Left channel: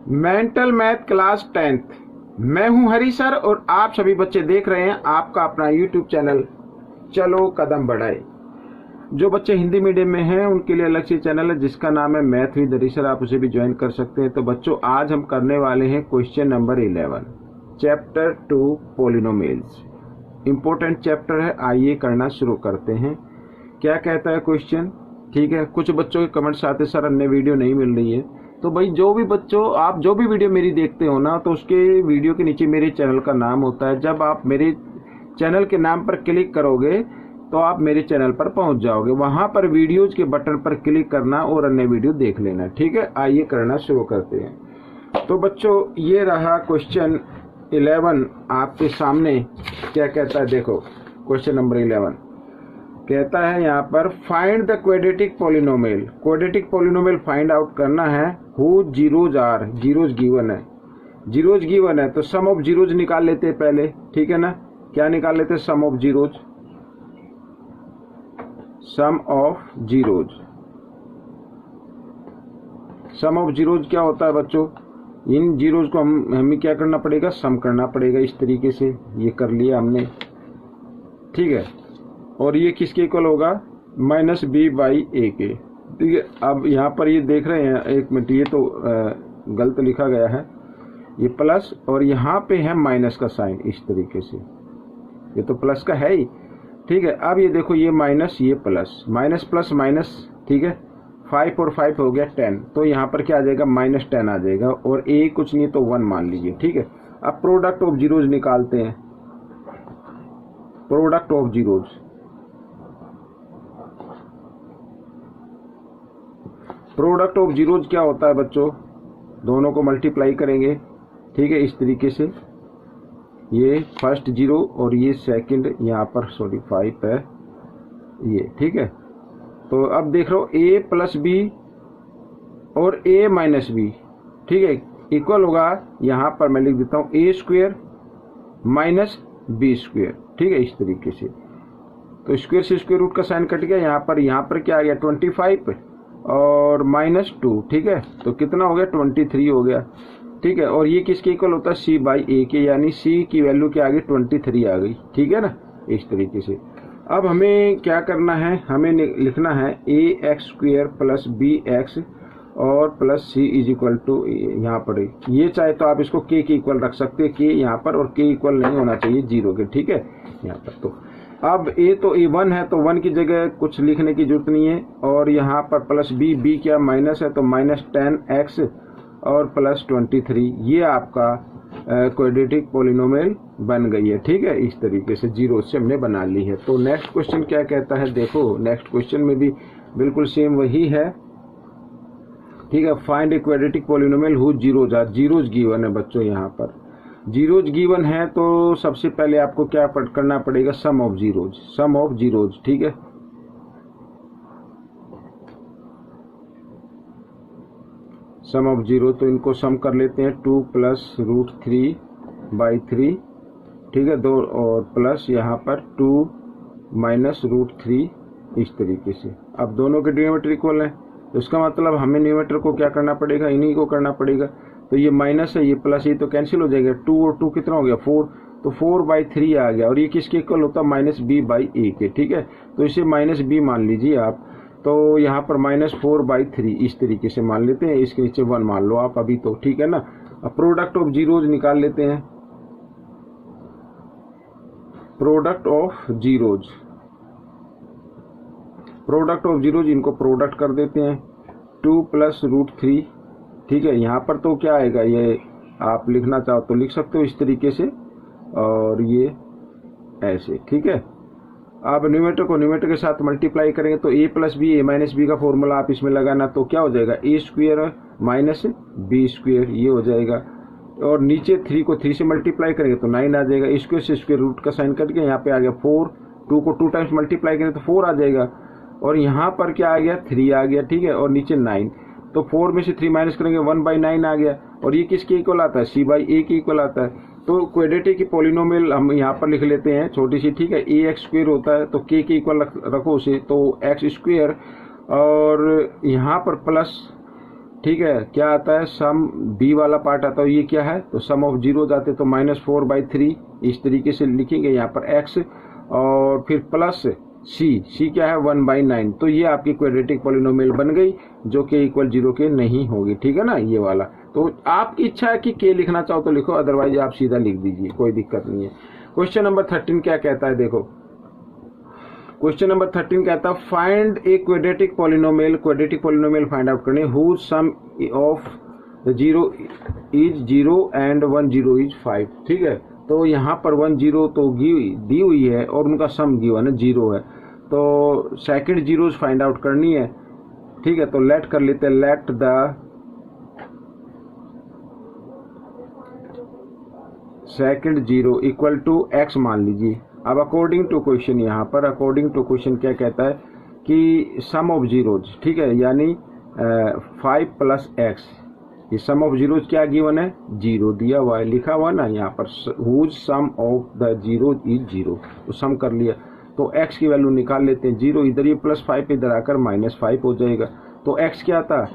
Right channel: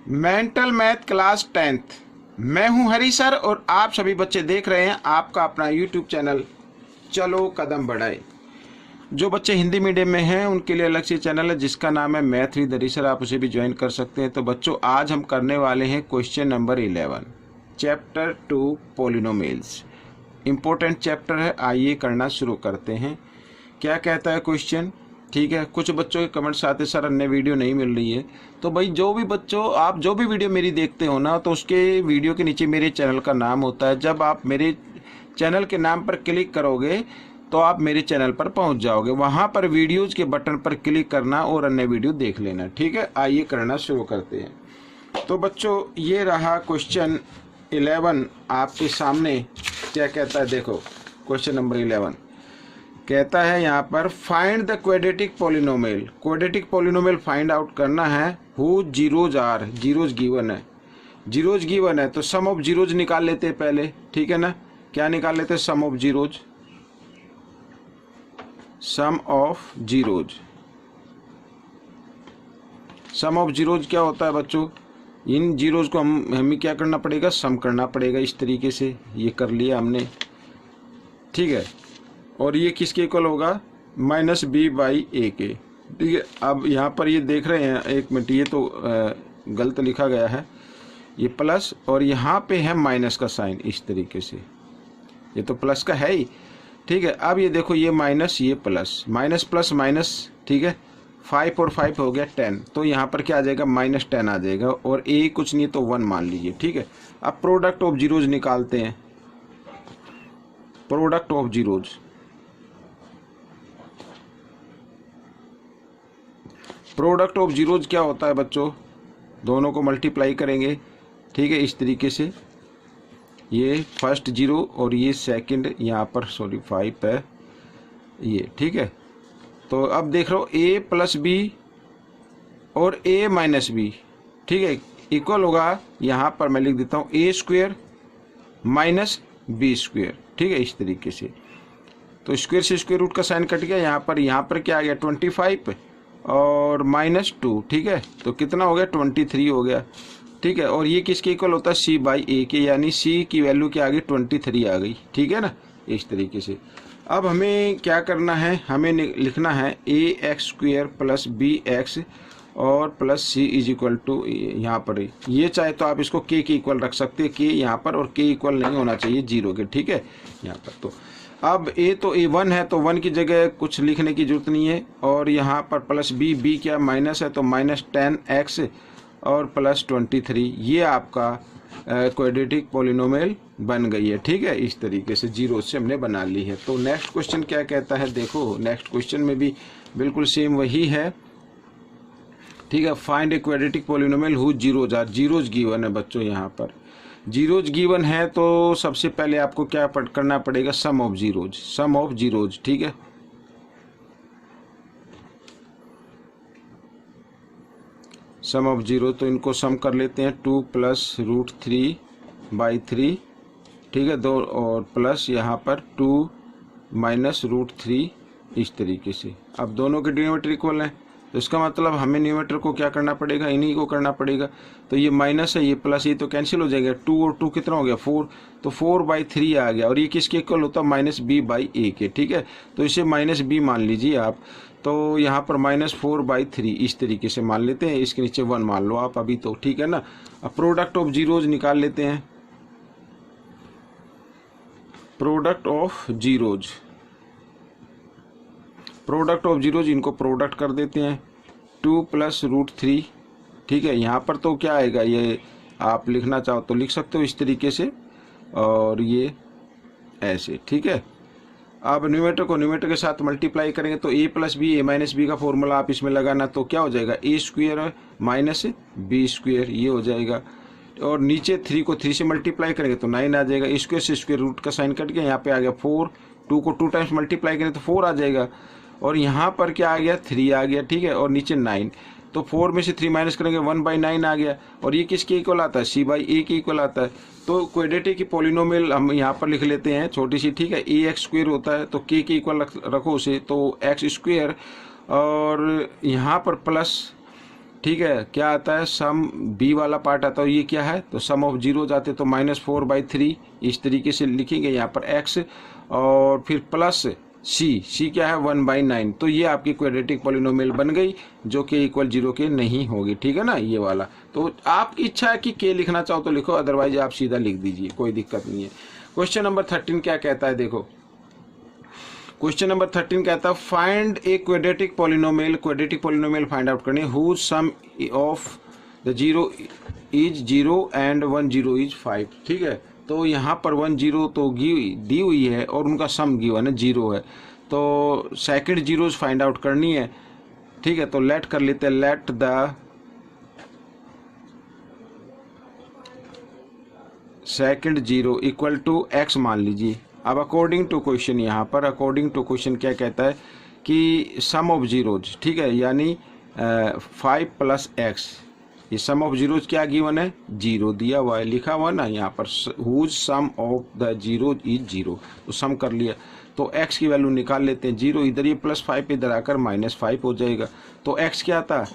Mental math class 10th। मैं हूं हरी sir और आप सभी बच्चे देख रहे हैं आपका अपना यूट्यूब चैनल चलो कदम बढ़ाए। जो बच्चे हिंदी मीडियम में हैं उनके लिए अलग से चैनल है जिसका नाम है मैथ विद हरी सर, आप उसे भी ज्वाइन कर सकते हैं। तो बच्चों, आज हम करने वाले हैं question number 11, chapter 2 polynomials. Important chapter है, आइए करना शुरू करते हैं। क्या कहता है क्वेश्चन? ठीक है, कुछ बच्चों के कमेंट्स आते सर अन्य वीडियो नहीं मिल रही है। तो भाई जो भी बच्चों आप जो भी वीडियो मेरी देखते हो ना, तो उसके वीडियो के नीचे मेरे चैनल का नाम होता है। जब आप मेरे चैनल के नाम पर क्लिक करोगे तो आप मेरे चैनल पर पहुंच जाओगे। वहां पर वीडियोज के बटन पर क्लिक करना और अन्य वीडियो देख लेना। ठीक है, आइए करना शुरू करते हैं। तो बच्चों, ये रहा क्वेश्चन 11 आपके सामने। क्या कहता है देखो, क्वेश्चन नंबर 11 कहता है यहाँ पर find the quadratic polynomial. Quadratic polynomial find out करना है। Who zeros are, zeros given है, जीरोज गिवन है तो सम ऑफ जीरोज निकाल लेते हैं पहले। ठीक है ना, क्या निकाल लेते हैं? Sum of zeros, sum of zeros. Sum of zeros क्या होता है बच्चों? इन जीरोज को हमें क्या करना पड़ेगा? सम करना पड़ेगा। इस तरीके से ये कर लिया हमने। ठीक है, और ये किसके इक्वल होगा? माइनस बी बाई ए के। ठीक है, अब यहाँ पर ये देख रहे हैं, एक मिनट, ये तो गलत लिखा गया है, ये प्लस और यहाँ पे है माइनस का साइन। इस तरीके से ये तो प्लस का है ही। ठीक है, अब ये देखो, ये माइनस, ये प्लस, माइनस प्लस माइनस। ठीक है, 5 और 5 हो गया 10, तो यहाँ पर क्या आ जाएगा? -10 आ जाएगा। और ए कुछ नहीं तो 1 मान लीजिए। ठीक है, अब प्रोडक्ट ऑफ जीरोज निकालते हैं। Product of zeros, product of zeros क्या होता है बच्चों? दोनों को मल्टीप्लाई करेंगे। ठीक है, इस तरीके से ये फर्स्ट जीरो और ये सेकंड, यहाँ पर सॉरी 5 है ये। ठीक है, तो अब देख रहे हो a प्लस बी और a माइनस बी, ठीक है, इक्वल होगा, यहाँ पर मैं लिख देता हूँ a square minus b square. ठीक है, इस तरीके से। तो स्क्वेयर से स्क्वेयर रूट का साइन कट गया। यहाँ पर क्या आ गया? 25 और -2। ठीक है, तो कितना हो गया? 23 हो गया। ठीक है, और ये किसके इक्वल होता है? c बाई ए के, यानी c की वैल्यू क्या आ गई? 23 आ गई। ठीक है ना, इस तरीके से। अब हमें क्या करना है? हमें लिखना है ax स्क्वेयर प्लस bx और plus c is equal to, यहाँ पर ये चाहे तो आप इसको k के इक्वल रख सकते हैं, k यहाँ पर, और k इक्वल नहीं होना चाहिए 0 के। ठीक है, यहाँ पर तो अब a तो a1 है तो 1 की जगह कुछ लिखने की जरूरत नहीं है। और यहाँ पर प्लस b क्या माइनस है तो -10x और प्लस 23। ये आपका क्वाड्रेटिक पॉलिनोमियल बन गई है। ठीक है, इस तरीके से जीरो से हमने बना ली है। तो नेक्स्ट क्वेश्चन क्या कहता है देखो, नेक्स्ट क्वेश्चन में भी बिल्कुल सेम वही है। ठीक है, find a quadratic polynomial who zeros are. Zeros given है बच्चों, यहाँ पर जीरोज गिवन है तो सबसे पहले आपको क्या करना पड़ेगा? Sum of zeros, sum of zeros. ठीक है, सम ऑफ जीरो, तो इनको सम कर लेते हैं। 2 प्लस √3/3। ठीक है, 2 और प्लस यहाँ पर 2 माइनस √3, इस तरीके से। अब दोनों के डिनोमिनेटर इक्वल हैं, तो इसका मतलब हमें न्यूमरेटर को क्या करना पड़ेगा? इन्हीं को करना पड़ेगा। तो ये माइनस है, ये प्लस, ये तो कैंसिल हो जाएगा। 2 और 2 कितना हो गया? 4, तो 4/3 आ गया। और ये किसके इक्वल होता है? -b बाई ए के। ठीक है, तो इसे -b मान लीजिए आप। तो यहाँ पर -4/3 इस तरीके से मान लेते हैं। इसके नीचे 1 मान लो आप अभी तो। ठीक है ना, अब प्रोडक्ट ऑफ जीरोज निकाल लेते हैं। Product of zeros, product of zeros, इनको प्रोडक्ट कर देते हैं। 2 प्लस √3। ठीक है, यहाँ पर तो क्या आएगा? ये आप लिखना चाहो तो लिख सकते हो इस तरीके से, और ये ऐसे। ठीक है, अब न्यूमरेटर को न्यूमरेटर के साथ मल्टीप्लाई करेंगे तो a plus b, a minus b का फॉर्मूला आप इसमें लगाना, तो क्या हो जाएगा? a square minus b square, ये हो जाएगा। और नीचे 3 को 3 से मल्टीप्लाई करेंगे तो 9 आ जाएगा। स्क्वेयर से स्क्वेयर रूट का साइन कट गया, यहाँ पे आ गया 4। 2 को 2 टाइम्स मल्टीप्लाई करें तो 4 आ जाएगा। और यहाँ पर क्या आ गया? 3 आ गया। ठीक है, और नीचे 9, तो 4 में से 3 माइनस करेंगे 1/9 आ गया। और ये किसके इक्वल आता है? c बाई ए के इक्वल आता है। तो क्वाड्रेटिक की पॉलिनोमियल हम यहाँ पर लिख लेते हैं छोटी सी। ठीक है, ax स्क्वेयर होता है तो k के इक्वल रखो उसे, तो x स्क्वेयर, और यहाँ पर प्लस ठीक है, क्या आता है, सम बी वाला पार्ट आता है, ये क्या है, तो सम ऑफ जीरो जाते तो -4/3 इस तरीके से लिखेंगे यहाँ पर x, और फिर प्लस सी क्या है 1/9। तो ये आपकी क्वाड्रेटिक पॉलिनोमियल बन गई जो कि इक्वल 0 के नहीं होगी, ठीक है ना, ये वाला। तो आपकी इच्छा है कि के लिखना चाहो तो लिखो, अदरवाइज आप सीधा लिख दीजिए, कोई दिक्कत नहीं है। क्वेश्चन नंबर 13 क्या कहता है, देखो क्वेश्चन नंबर 13 कहता है find a quadratic polynomial find out करनी whose sum of the 0 is 0 and 1 0 is 5। ठीक है, तो यहाँ पर 1 0 तो दी हुई है और उनका सम गिवन है 0 है, तो सेकंड जीरोज फाइंड आउट करनी है। ठीक है, तो लेट कर लेते हैं, let the second zero equal to x मान लीजिए। अब अकॉर्डिंग टू क्वेश्चन, यहाँ पर अकॉर्डिंग टू क्वेश्चन क्या कहता है कि सम ऑफ जीरोज, ठीक है, यानी 5 + x, ये सम ऑफ जीरोज क्या गिवन है, 0 दिया हुआ है, लिखा हुआ ना यहाँ पर, whose sum of the zero is 0, तो सम कर लिया, तो x की वैल्यू निकाल लेते हैं 0, इधर ये +5 इधर आकर -5 हो जाएगा, तो x क्या था,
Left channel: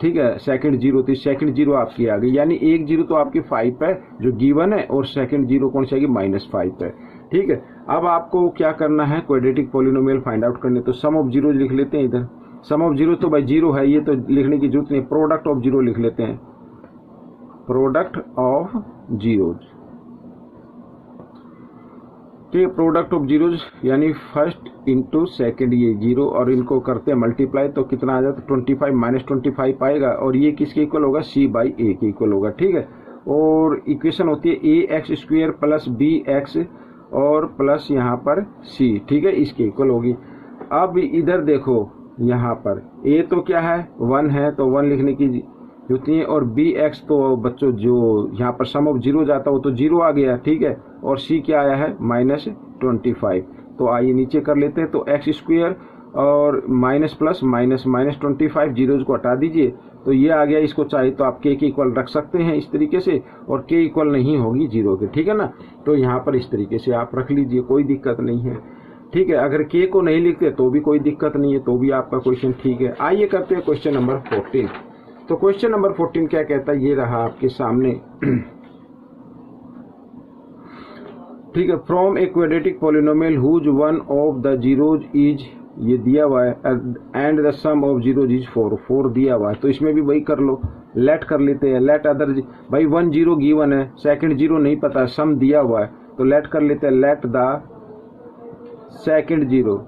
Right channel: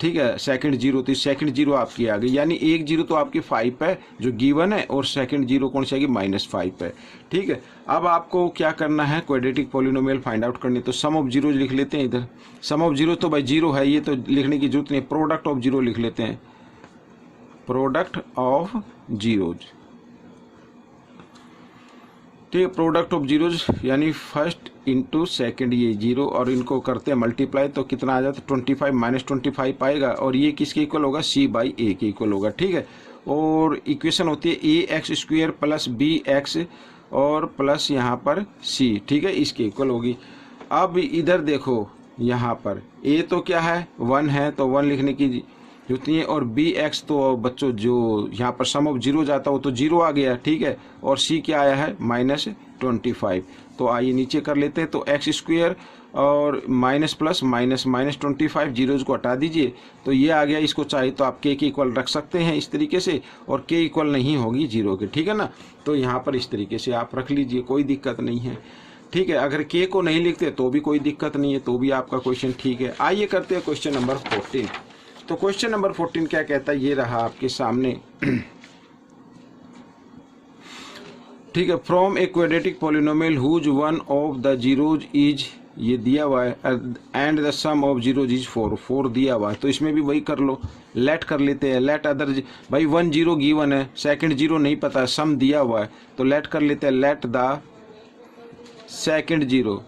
ठीक है, सेकंड जीरो, तो सेकंड जीरो आपकी आ गई, यानी एक जीरो तो आपकी 5 है जो गिवन है, और सेकंड जीरो कौन सी आएगी, -5 है। ठीक है, अब आपको क्या करना है, क्वाड्रेटिक पॉलिनोमियल फाइंड आउट करनी है, तो सम ऑफ जीरो लिख लेते हैं इधर, सम ऑफ जीरो तो भाई 0 है, ये तो लिखने की जरूरत नहीं, प्रोडक्ट ऑफ जीरो लिख लेते हैं, प्रोडक्ट ऑफ जीरोज। ठीक है, प्रोडक्ट ऑफ जीरोज यानी फर्स्ट इंटू सेकेंड, ये 0 और इनको करते हैं मल्टीप्लाई, तो कितना आ जाता है 25 -25 आएगा, और ये किसके इक्वल होगा, c/a के इक्वल होगा। ठीक है, और इक्वेशन होती है ax² + bx और प्लस यहाँ पर c, ठीक है, इसके इक्वल होगी। अब इधर देखो, यहाँ पर a तो क्या है 1 है, तो 1 लिखने की जरूरत नहीं है, और bx तो बच्चों जो यहाँ पर सम ऑफ जीरो जाता हो तो 0 आ गया, ठीक है, और c क्या आया है -25। तो आइए नीचे कर लेते हैं, तो x² और माइनस प्लस माइनस -25, जीरोज को हटा दीजिए, तो ये आ गया। इसको चाहे तो आप k के इक्वल रख सकते हैं इस तरीके से, और k इक्वल नहीं होगी 0 के, ठीक है ना, तो यहाँ पर इस तरीके से आप रख लीजिए, कोई दिक्कत नहीं है। ठीक है, अगर k को नहीं लिखते तो भी कोई दिक्कत नहीं है, तो भी आपका क्वेश्चन ठीक है। आइए करते हैं क्वेश्चन नंबर 14। तो क्वेश्चन नंबर 14 क्या कहता है, ये रहा आपके सामने। ठीक है, from a quadratic polynomial whose one of the zeros is, ये दिया हुआ है, and the sum of zeros is 4 दिया हुआ है, तो इसमें भी वही कर लो, लेट कर लेते हैं, लेट अदर, भाई 1 0 गिवन है, सेकंड जीरो नहीं पता, सम दिया हुआ है, तो लेट कर लेते हैं, let the second zero,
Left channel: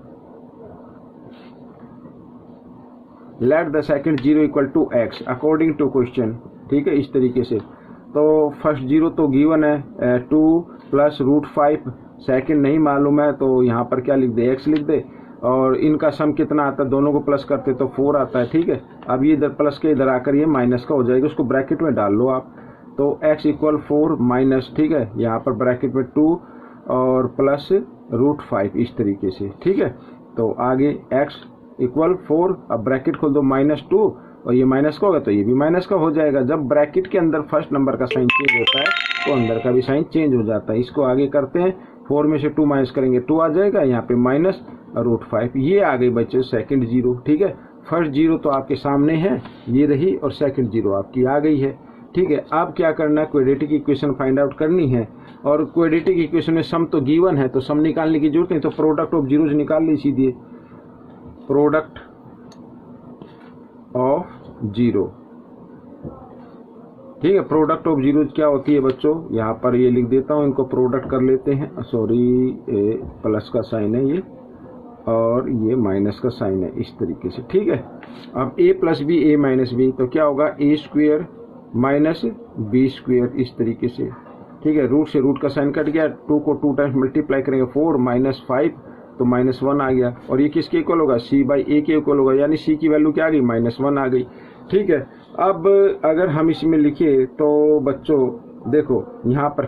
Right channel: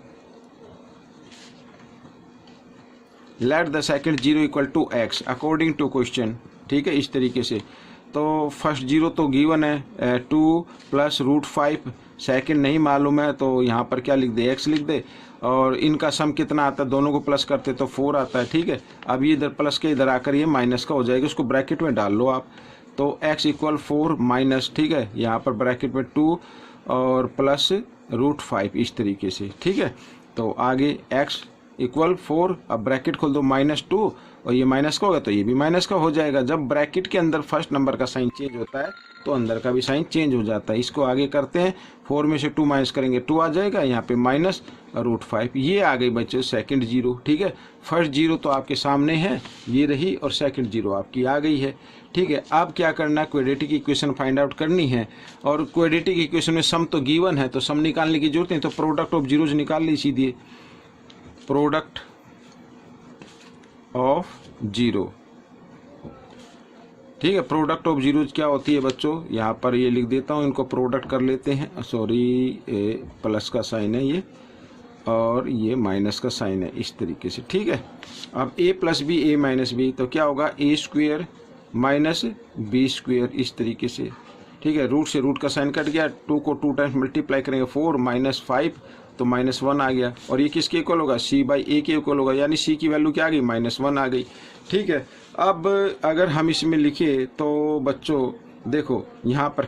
let the second zero equal to x according to question. ठीक है, इस तरीके से, तो फर्स्ट जीरो तो गिवन है 2 + √5, सेकंड नहीं मालूम है, तो यहाँ पर क्या लिख दे, x लिख दे, और इनका सम कितना आता है, दोनों को प्लस करते तो 4 आता है। ठीक है, अब ये इधर प्लस के इधर आकर ये माइनस का हो जाएगा, उसको ब्रैकेट में डाल लो आप, तो x = 4 माइनस, ठीक है, यहाँ पर ब्रैकेट में 2 और प्लस √5 इस तरीके से। ठीक है, तो आगे x = 4, अब ब्रैकेट खोल दो, -2, और ये माइनस का होगा तो ये भी माइनस का हो जाएगा। जब ब्रैकेट के अंदर फर्स्ट नंबर का साइन चेंज होता है तो अंदर का भी साइन चेंज हो जाता है। इसको आगे करते हैं, 4 में से 2 माइनस करेंगे 2 आ जाएगा, यहाँ पे माइनस √5, ये आ गई बच्चों सेकंड जीरो। ठीक है, फर्स्ट जीरो तो आपके सामने है, ये रही, और सेकंड जीरो आपकी आ गई है। ठीक है, अब क्या करना है, क्वाड्रेटिक इक्वेशन फाइंड आउट करनी है, और क्वाड्रेटिक इक्वेशन में सम तो गिवन है, तो सम निकालने की जरूरत नहीं, तो प्रोडक्ट ऑफ जीरोज निकाल ली सीधे, प्रोडक्ट ऑफ जीरो। ठीक है, प्रोडक्ट ऑफ जीरोज क्या होती है बच्चों, यहाँ पर ये लिख देता हूँ, इनको प्रोडक्ट कर लेते हैं, सॉरी प्लस का साइन है ये, और ये माइनस का साइन है इस तरीके से। ठीक है, अब a + b a - b, तो क्या होगा, a² - b² इस तरीके से। ठीक है, रूट से रूट का साइन कट गया, 2 को 2 टाइम्स मल्टीप्लाई करेंगे, 4 - 5 तो -1 आ गया, और ये किसके इक्वल होगा, c/a के इक्वल होगा, यानी c की वैल्यू क्या आ गई, -1 आ गई। ठीक है, अब अगर हम इसमें लिखे तो बच्चों देखो, यहाँ पर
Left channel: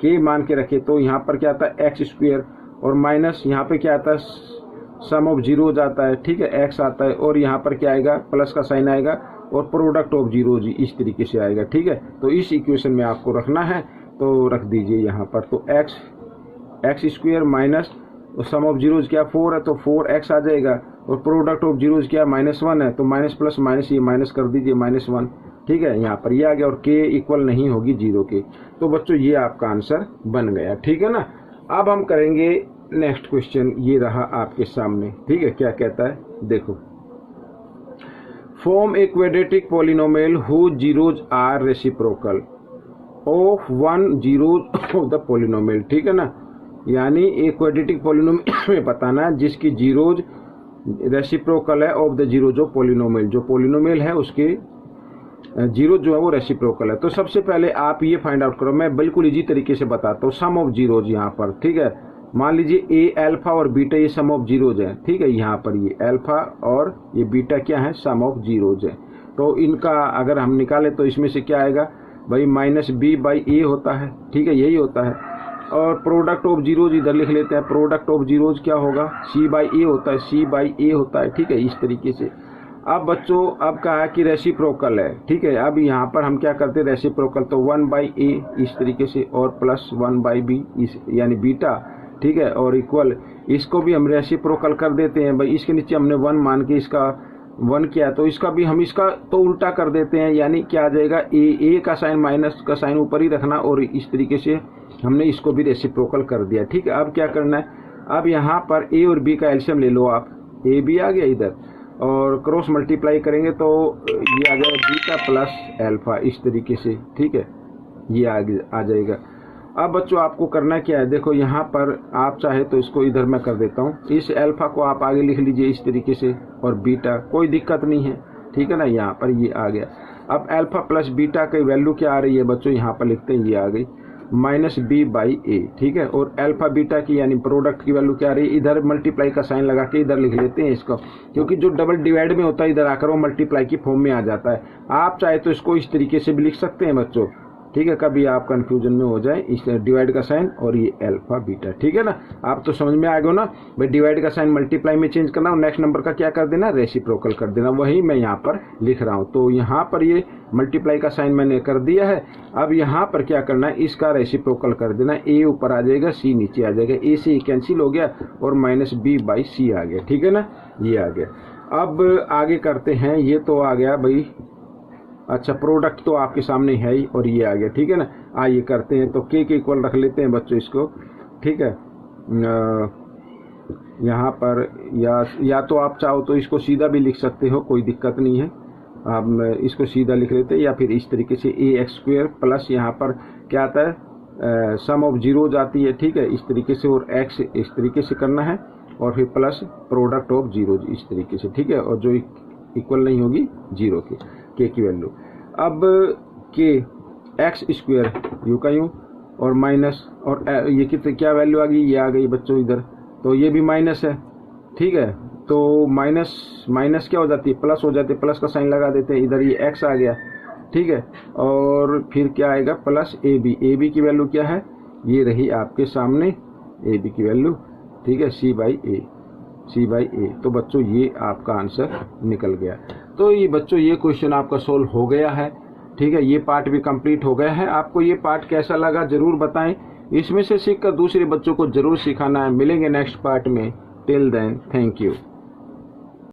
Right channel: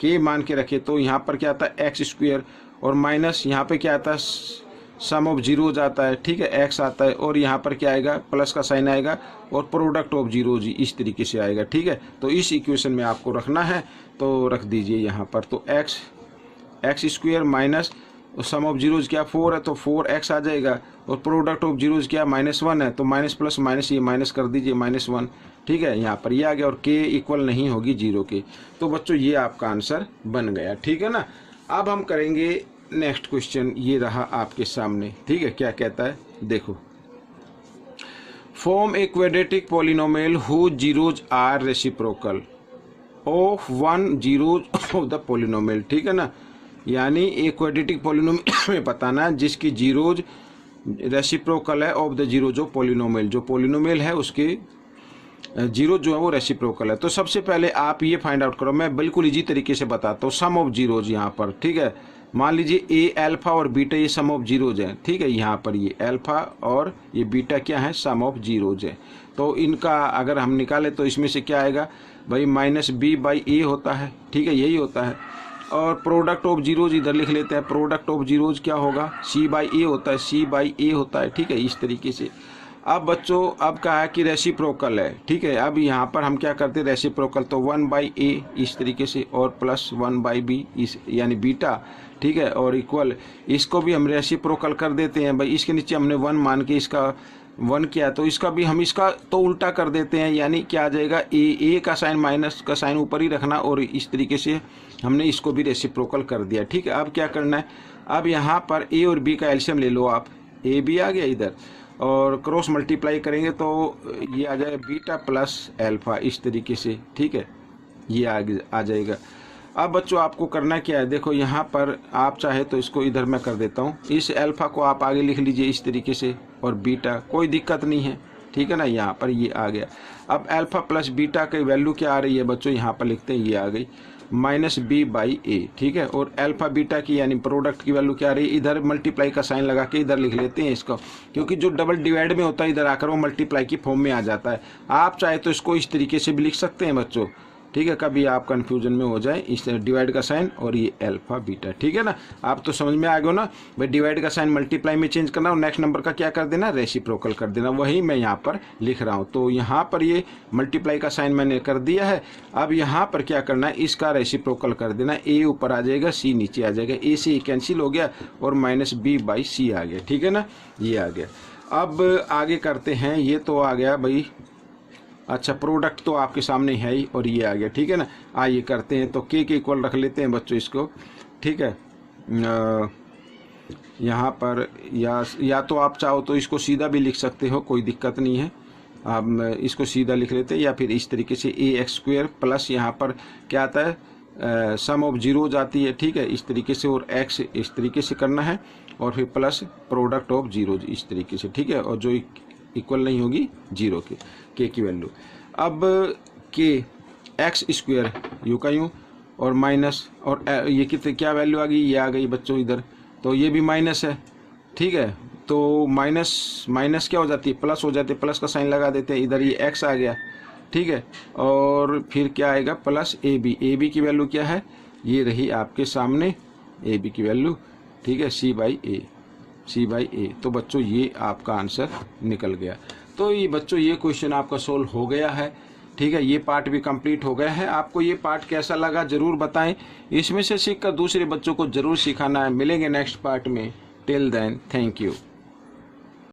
k मान के रखे, तो यहाँ पर क्या आता है x², और माइनस यहाँ पे क्या आता है, सम ऑफ जीरोज आता है। ठीक है, x आता है, और यहाँ पर क्या आएगा, प्लस का साइन आएगा, और प्रोडक्ट ऑफ जीरोज इस तरीके से आएगा। ठीक है, तो इस इक्वेशन में आपको रखना है, तो रख दीजिए यहाँ पर, तो x² - सम ऑफ जीरोज क्या 4 है तो 4x आ जाएगा, और प्रोडक्ट ऑफ जीरोज क्या -1 है तो माइनस प्लस माइनस ये माइनस कर दीजिए -1, ठीक है। यहाँ पर ये आ गया और k इक्वल नहीं होगी 0 के। तो बच्चों ये आपका आंसर बन गया, ठीक है ना। अब हम करेंगे नेक्स्ट क्वेश्चन, ये रहा आपके सामने, ठीक है। क्या कहता है देखो, form a quadratic polynomial who zeros are reciprocal of 1 zeros of the polynomial, ठीक है ना। यानी एक क्वाड्रेटिक पॉलिनोमियल में बताना जिसकी जीरोज रेसिप्रोकल है of the zeros of polynomial, जो पॉलिनोमियल है उसके जीरो जो है वो रेसिप्रोकल है। तो सबसे पहले आप ये फाइंड आउट करो, मैं बिल्कुल इजी तरीके से बताता हूँ। सम ऑफ जीरोज यहाँ पर, ठीक है, मान लीजिए ए अल्फा और बीटा ये सम ऑफ जीरोज है, ठीक है। यहाँ पर ये अल्फा और ये बीटा क्या है, सम ऑफ जीरोज है। तो इनका अगर हम निकालें तो इसमें से क्या आएगा भाई, -b/a होता है, ठीक है, यही होता है। और प्रोडक्ट ऑफ जीरोज इधर लिख लेते हैं, प्रोडक्ट ऑफ जीरोज क्या होगा, c/a होता है, c/a होता है, ठीक है, इस तरीके से। अब बच्चों अब कहा है कि रेसिप्रोकल है, ठीक है। अब यहाँ पर हम क्या करते हैं, रेसिप्रोकल तो 1/a इस तरीके से और प्लस 1/b इस यानी बीटा, ठीक है, और इक्वल इसको भी हम रेसिप्रोकल कर देते हैं भाई। इसके नीचे हमने 1 मान के इसका 1 किया, तो इसका भी हम इसका तो उल्टा कर देते हैं, यानी क्या आ जाएगा, ए का साइन माइनस का साइन ऊपर ही रखना, और इस तरीके से हमने इसको भी रेसिप्रोकल कर दिया, ठीक है। अब क्या करना है, अब यहाँ पर ए और बी का एलसीएम ले लो आप, ए बी आ गया इधर, और क्रॉस मल्टीप्लाई करेंगे तो ये आ जाएगा बीटा प्लस अल्फा इस तरीके से, ठीक है, ये आ जाएगा। अब बच्चों आपको करना क्या है, देखो यहाँ पर आप चाहे तो इसको इधर मैं कर देता हूँ, इस अल्फा को आप आगे लिख लीजिए इस तरीके से, और बीटा कोई दिक्कत नहीं है, ठीक है ना। यहाँ पर ये आ गया। अब अल्फा प्लस बीटा की वैल्यू क्या आ रही है बच्चों, यहाँ पर लिखते हैं, ये आ गई -b/a, ठीक है। और अल्फा बीटा की यानी प्रोडक्ट की वैल्यू क्या आ रही है, इधर मल्टीप्लाई का साइन लगा के इधर लिख लेते हैं इसको, क्योंकि जो डबल डिवाइड में होता है इधर आकर वो मल्टीप्लाई की फॉर्म में आ जाता है। आप चाहे तो इसको इस तरीके से भी लिख सकते हैं बच्चों, ठीक है, कभी आप कंफ्यूजन में हो जाए, इस डिवाइड का साइन और ये अल्फा बीटा, ठीक है ना। आप तो समझ में आ गए ना भाई, डिवाइड का साइन मल्टीप्लाई में चेंज करना और नेक्स्ट नंबर का क्या कर देना, रेसिप्रोकल कर देना, वही मैं यहाँ पर लिख रहा हूँ। तो यहाँ पर ये मल्टीप्लाई का साइन मैंने कर दिया है। अब यहाँ पर क्या करना है, इसका रेसिप्रोकल कर देना, ए ऊपर आ जाएगा, सी नीचे आ जाएगा, ए से कैंसिल हो गया और -b/c आ गया, ठीक है ना, ये आ गया। अब आगे करते हैं, ये तो आ गया भाई, अच्छा प्रोडक्ट तो आपके सामने है ही, और ये आ गया, ठीक है ना। आइए करते हैं, तो के इक्वल रख लेते हैं बच्चों इसको, ठीक है। यहाँ पर या तो आप चाहो तो इसको सीधा भी लिख सकते हो, कोई दिक्कत नहीं है। आप इसको सीधा लिख लेते हैं, या फिर इस तरीके से ax² प्लस यहाँ पर क्या आता है, सम ऑफ जीरोज आती है, ठीक है, इस तरीके से, और x इस तरीके से करना है, और फिर प्लस प्रोडक्ट ऑफ जीरोज इस तरीके से, ठीक है, और जो इक्वल नहीं होगी 0 के की वैल्यू। अब के x² यू का यूँ और माइनस, और ये कितने क्या वैल्यू आ गई, ये आ गई बच्चों इधर, तो ये भी माइनस है, ठीक है। तो माइनस क्या हो जाती है, प्लस हो जाती है, प्लस का साइन लगा देते हैं, इधर ये x आ गया, ठीक है। और फिर क्या आएगा, प्लस ए बी की वैल्यू क्या है, ये रही आपके सामने ए बी की वैल्यू, ठीक है, c/a। तो बच्चों ये आपका आंसर निकल गया। तो ये बच्चों ये क्वेश्चन आपका सोल्व हो गया है, ठीक है, ये पार्ट भी कंप्लीट हो गया है। आपको ये पार्ट कैसा लगा ज़रूर बताएं, इसमें से सीखकर दूसरे बच्चों को ज़रूर सिखाना है। मिलेंगे नेक्स्ट पार्ट में, टिल देन थैंक यू।